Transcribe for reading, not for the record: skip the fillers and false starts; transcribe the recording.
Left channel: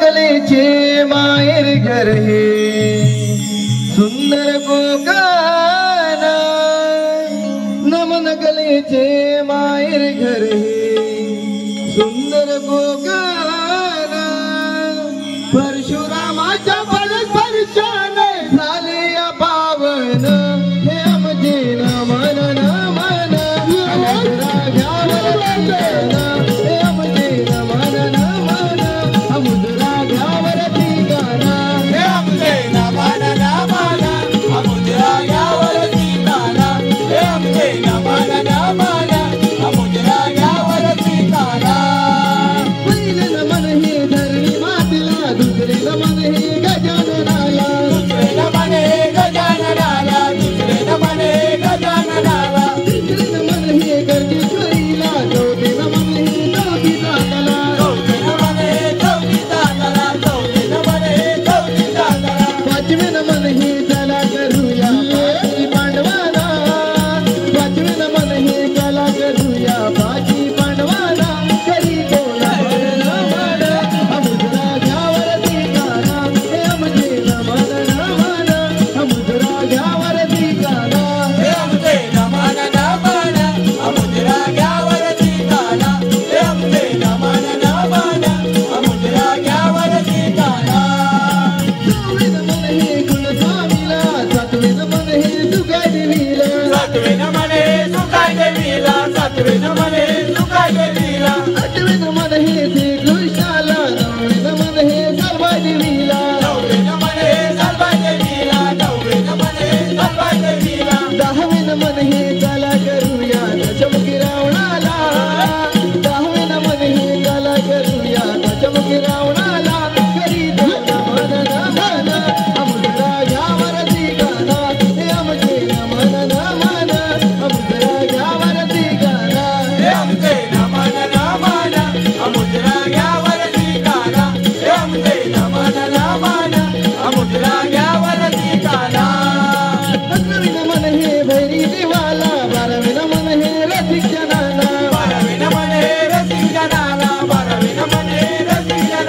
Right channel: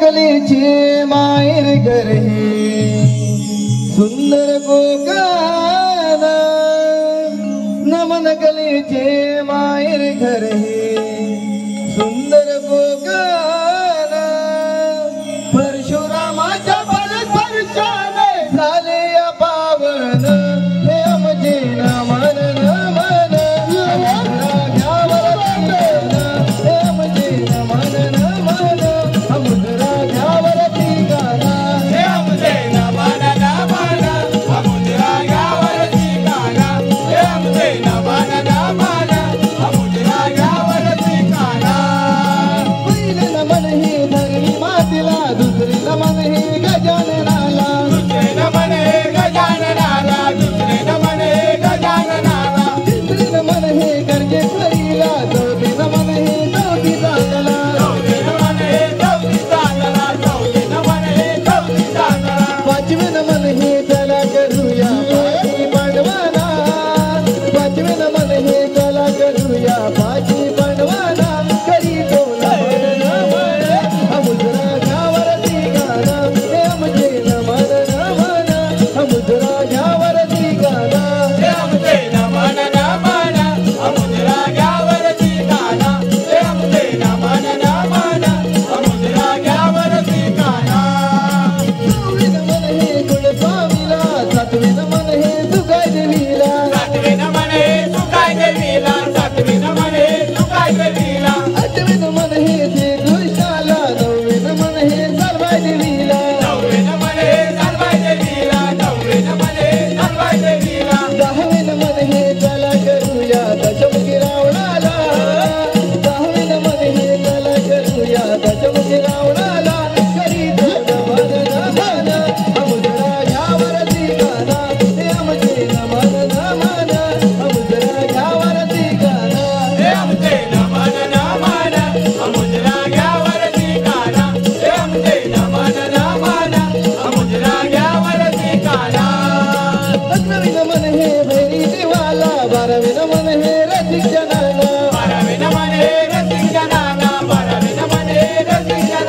कलेचे माहेर घर हे सुंदर गोगाना नमन कलेचे माहेर घर हे सुंदर गोगाना परशुरामाच्या परस्पर्शाने झाले या पावन हे आमचे नमन नमन घ्यावर हे आमचे नमन नमन अमुद्रा घ्यावर ठिकाणा हे आमचे नमन नमन अमुद्रा घ्यावर ठिकाणा हे आमचे नमन नमन अमुद्रा घ्यावर ठिकाणा पहिले नमन हे धरणी मातेला दुसरे नमन हे गजाननाला दुसरे नमन हे गजाननाला दुसरे नमन हे गजाननाला तिसरे नमन हे गर्जेश्वरीला चौथे नमन हे चौथीताला चौथे नमन हे चौथीताला चौथे नमन हे चौथीताला पाचवे नमन हे चला करूया पाची पांडवाना पाचवे नमन हे चला करूया पाची पांडवाना करी तो नमन नमन अमुद्रा घ्यावर ठिकाणा हे आमचे नमन नमन अमुद्रा घ्यावर ठिकाणा हे आमचे नमन नमन अमुद्रा घ्यावर ठिकाणा हे आमचे नमन नमन अमुद्रा घ्यावर ठिकाणा सहावे नमन हे कुलस्वामीला सातवे नमन हे सुगाय देवीला सातवे नमन हे सुगाय देवीला सातवे नमन हे सुगाय देवीला आठवे नमन हे श्रीकृष्णाला नववे नमन हे सर्वाय देवीला नववे नमन हे सर्वाय देवीला नववे नमन हे सर्वाय देवीला दहावे नमन हे चला करूया दशमुखी रावणाला दहावे नमन हे चला करूया दशमुखी रावणाला करी तो नमन नमन अमुद्रा घ्यावर ठिकाणा हे आमचे नमन नमन अमुद्रा घ्यावर ठिकाणा हे आमचे नमन नमन अमुद्रा घ्यावर ठिकाणा हे आमचे नमन नमन अमुद्रा घ्यावर ठिकाणा अकरावे नमन हे भैरी देवाला बारावे नमन हे रसिक जनाला बारावे नमन हे रसिक जनाला बारावे नमन हे रसिक जनाला